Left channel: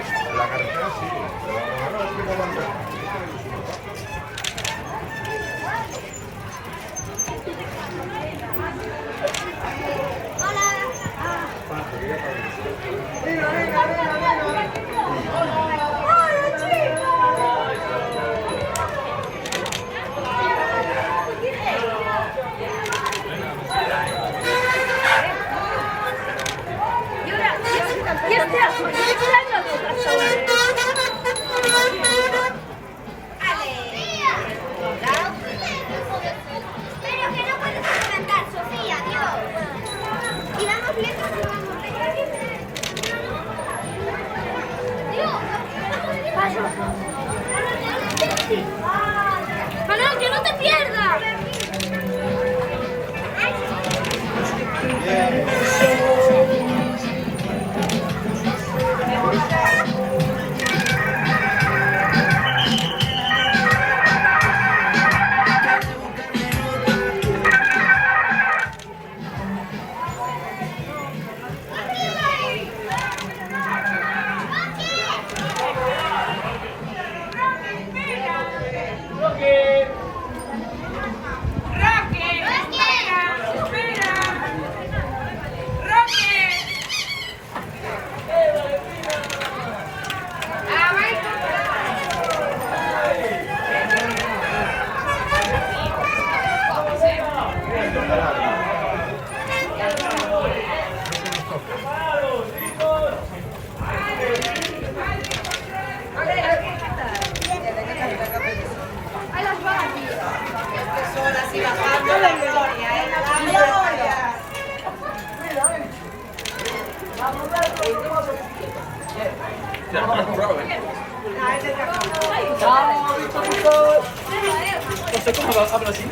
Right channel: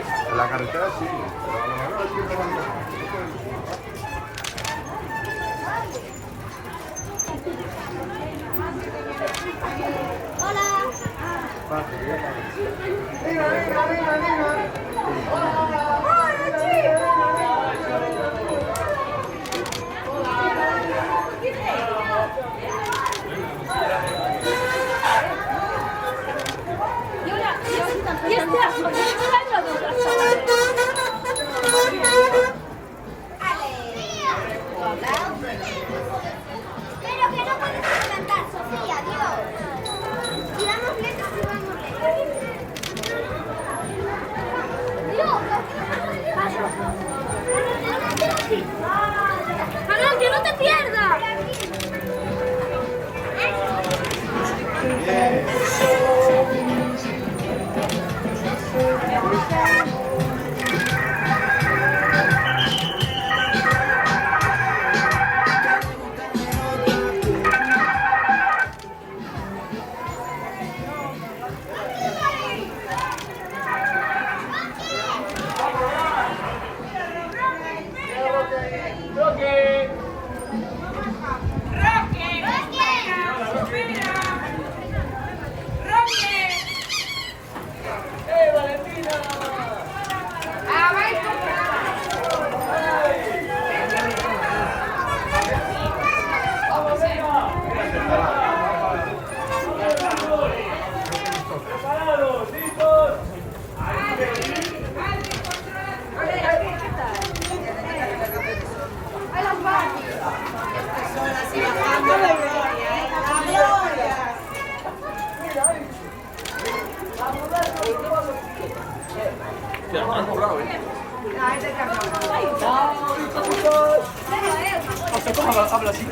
la carretera sí. No, es que no van Pero que no puedes levantar, Sofía, Dios. Y dame fiesta si vamos. Dios. Paso. Manuel, que no te pierdas. Bajando la gloria, la gloria. José, ¿cómo habla así?